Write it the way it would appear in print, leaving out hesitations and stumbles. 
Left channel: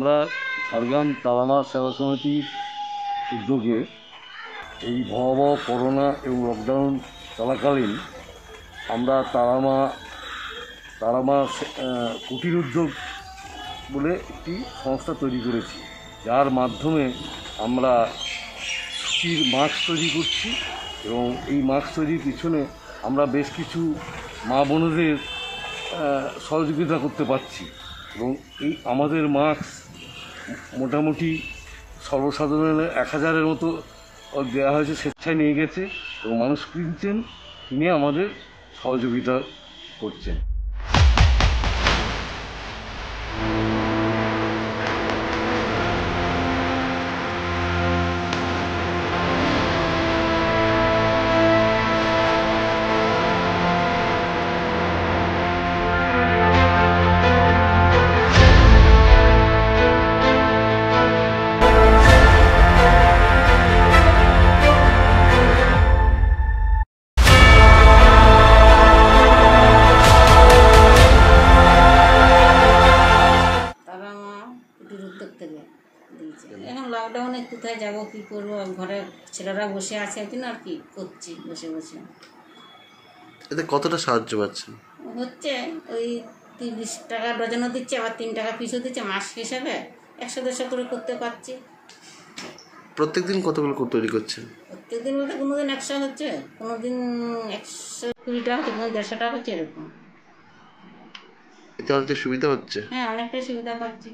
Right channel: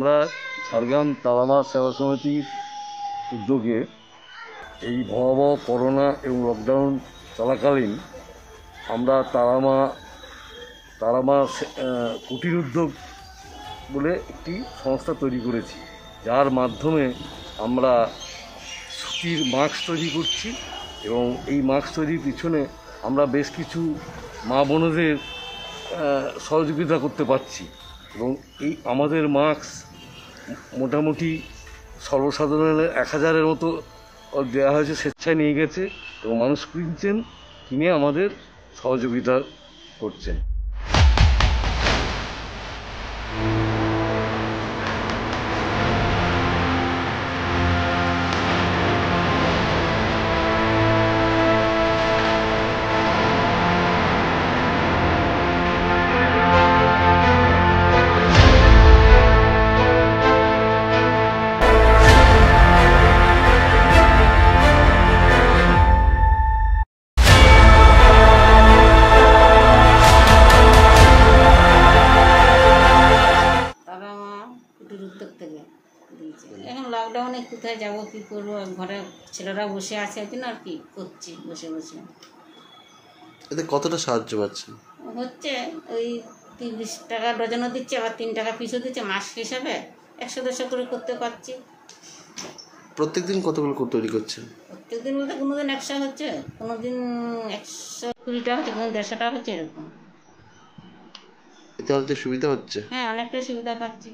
আমরা ঝাড়গ্রাম তারামা সেবা সমিতির উদ্যোগে এই ভয়াবহ করোনা এবং লকডাউন চলাকালীন আমরা তারামা কুটির উদ্যোগ বলে একটি সংস্থা তৈরি করেছি, যার মাধ্যমে আমরা সুতির মাস্ক তৈরি করছি এবং এই মাস্ক তৈরির পিছনে আমরা বেশ কিছু মা বোনদের সহযোগিতা করতে পারছি এবং এই আমাদের মাস্ক মোটামুটি সর্বসাধারণের 1000-এর মতো দেওয়া হয়েছে, স্বেচ্ছায় নিয়ে গেছে এবং মানুষ কিনে আমাদের সহযোগিতা করছেন। এখন লকডাউনে কোথায় যাব, কী করবো, ঘরে ছেলেরা বসে আছে একদিন আর কি করছি বসে বসে। এতে কতটা সাহায্য পাচ্ছেন? হচ্ছে ওই 30 টাকা ডজনও দিচ্ছে, আবার 3 টাকা পিসও দিচ্ছে, মাস হিসাবে 100-150 করে করতে পারছি। প্রত্যেকদিন কতগুলো তৈরি করছেন? প্রত্যেকদিন বলতে কোনোদিন 100 হচ্ছে, কোনোদিন 120 টাকা হচ্ছে, কোনো 150 টাকা হচ্ছে, এরকম। এতে অনেকটা সুবিধা হচ্ছে। হ্যাঁ, অনেকটা সুবিধা পাচ্ছি।